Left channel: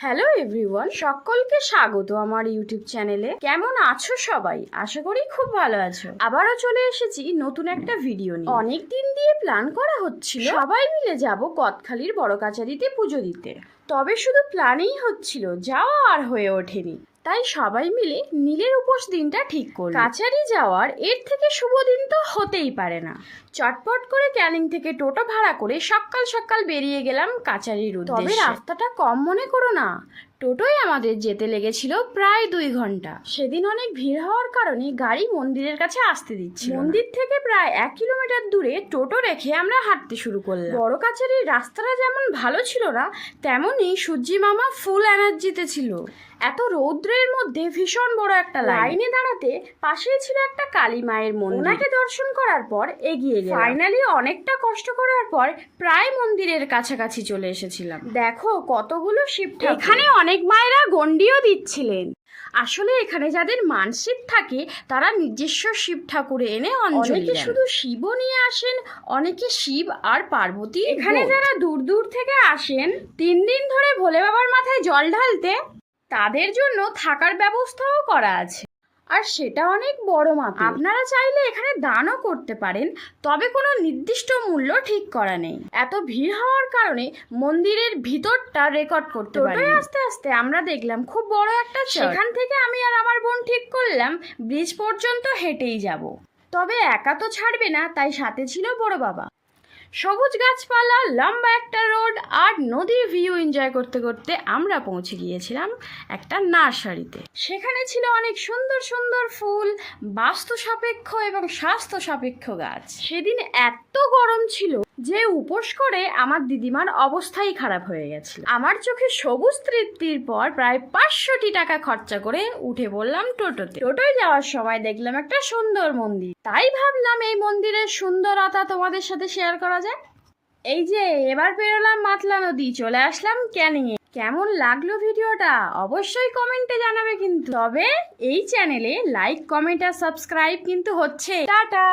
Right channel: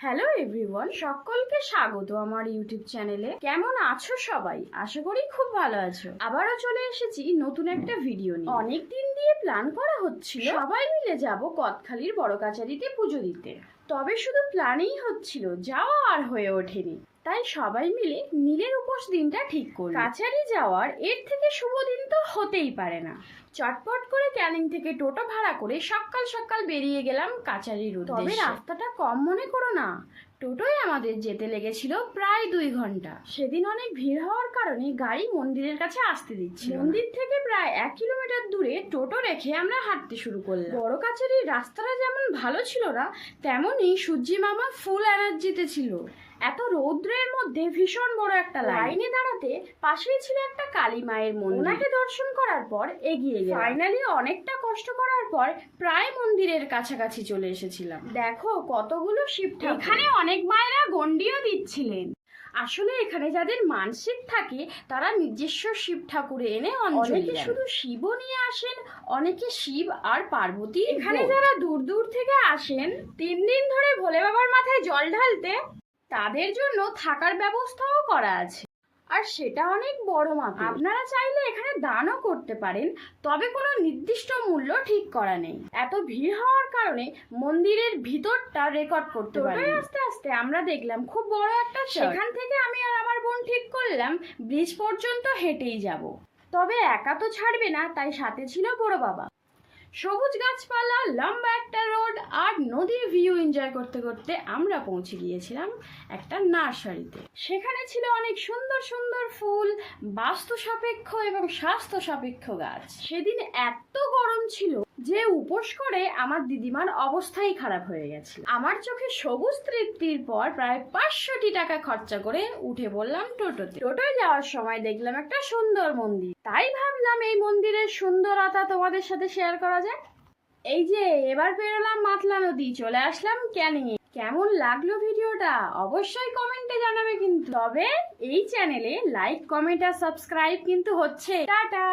Hello everyone, সকলকে স্বাগত আমার ইউটিউব চ্যানেলে। কেমন আছো সবাই? আশা করি খুব ভালো আছো। আবারও চলে এসেছি নতুন একটা ভিডিও নিয়ে। অনেক দিন দিয়ে প্ল্যান করা হচ্ছিল সবাই মিলে যাব কদখালির বড় কাচারিতে পুজো দিতে। তবে শুধু প্ল্যানই হচ্ছিল, যাওয়া আর হয়ে ওঠেনি। তাই সবাই মিলে নীলের উপোস দিনটা ঠিক করল। কাচারি যাওয়ার এর থেকে শুভ দিন তো হতেই পারে না। চটপট করে ক্যানিং থেকে টোটো ভাড়া করে সকাল সকাল বেরিয়ে গেলাম কাচারির উদ্দেশ্যে। তবে রাস্তাটা কম মনে করো না, টোটোয় আমাদের যেতে লেগেছিল প্রায় 2 ঘন্টা। সেদিন অনেক ভিড় হওয়ার কারণে গাড়ি মন্দিরের কাছে আসতে দিচ্ছিল। মন্দির থেকে প্রায় 1 কিলোমিটার দূরে টোটো রেখে আমরা হাঁটতে শুরু করলাম। বড় কাচারির রাস্তাটা যেমন ভালো ছিল না, তেমনই সূর্যি মামা ফুল এনার্জিতে ছিল। এত রৌদ্রের মধ্যে ভীষণ বড় একটা লাইনে দাঁড়াতে পাশেই ছিল একটা কালী মায়ের মন্দির। ওনাকে দর্শন করার পর এগিয়ে গেলাম। ফাইনালি অনেকটা কষ্ট করার পর প্রায় মন্দিরের কাছাকাছি চলে এসেছিলাম। দেখো কতগুলো শিব ঠাকুর। এখানে অনেক মায়েরা গন্ডিও দিচ্ছিলেন। আসলে এখানে যাদের মানসিক থাকে তারা নিজস্ব শিব ঠাকুরে এনে অঞ্জলি দেন। শুধু শিবও নিয়ে আসেন, অনেকে শিব আর পার্বতী। এখানে যারা দূর দূর থেকে আসেন 3 দিন ধরে ভোলে বাবার মাথায় জল ঢালতে, তাদের জন্য থাকার ব্যবস্থাও করা আছে, আর সেটা অনেক বড় মাপে। আপনারা চাইলে এখানে দানও করতে পারেন, তবে কোনো নির্দিষ্ট মূল্য ঠিক করা নেই। এত ভিড় হওয়ার কারণে মন্দিরের ভিতরটা রেকর্ড করতে পারি। আস্তে আস্তে আমরা দেখলাম খুব বড় একটা চার্চ। সেখান থেকে আমি আর আমার বোন ঠিক করলাম ব্রিজ পর্যন্ত হেঁটেই যাব। তবে একা তো ছাড়বে না, তাই সাথে ছিল বড় বাবা। সবুজ গাছপালা, লম্বা একটা রোড আর নদীর ভিউ এনজয় করতে করতে আমরা পৌঁছে গিয়েছিলাম একটা নার্সারিতে। সেখানে ছিল অনেক সুন্দর সুন্দর ফুল, বাস্তু সাপেক্ষ এবং স্বাস্থ্য সাপেক্ষ গাছ। সেদিন এত গরম ছিল যে উপোস করে আমার দিদিমার অবস্থাই খারাপ হয়ে গেছিল। আমার চোখে সবুজ তৃপ্তির পর প্রায় 500 টাকা খরচা করে উঠে পড়লাম টোটোতে। টোটোয় যাওয়ার সময় দেখলাম একটা সুন্দর মন্দির, তাই ভাবলাম এই মন্দিরের সুন্দরতা তোমাদের সাথে শেয়ার করা যায়। এই যে এবার পেরোলাম মাতলা নদী, চলে আসলাম ক্যানিং এ। কেমন লাগলো ভিডিওটা অবশ্যই কমেন্টে জানাবে কিন্তু। তবে এই চ্যানেলে লাইক, কমেন্ট আর সাবস্ক্রাইব কিন্তু হচ্ছে। টাটা।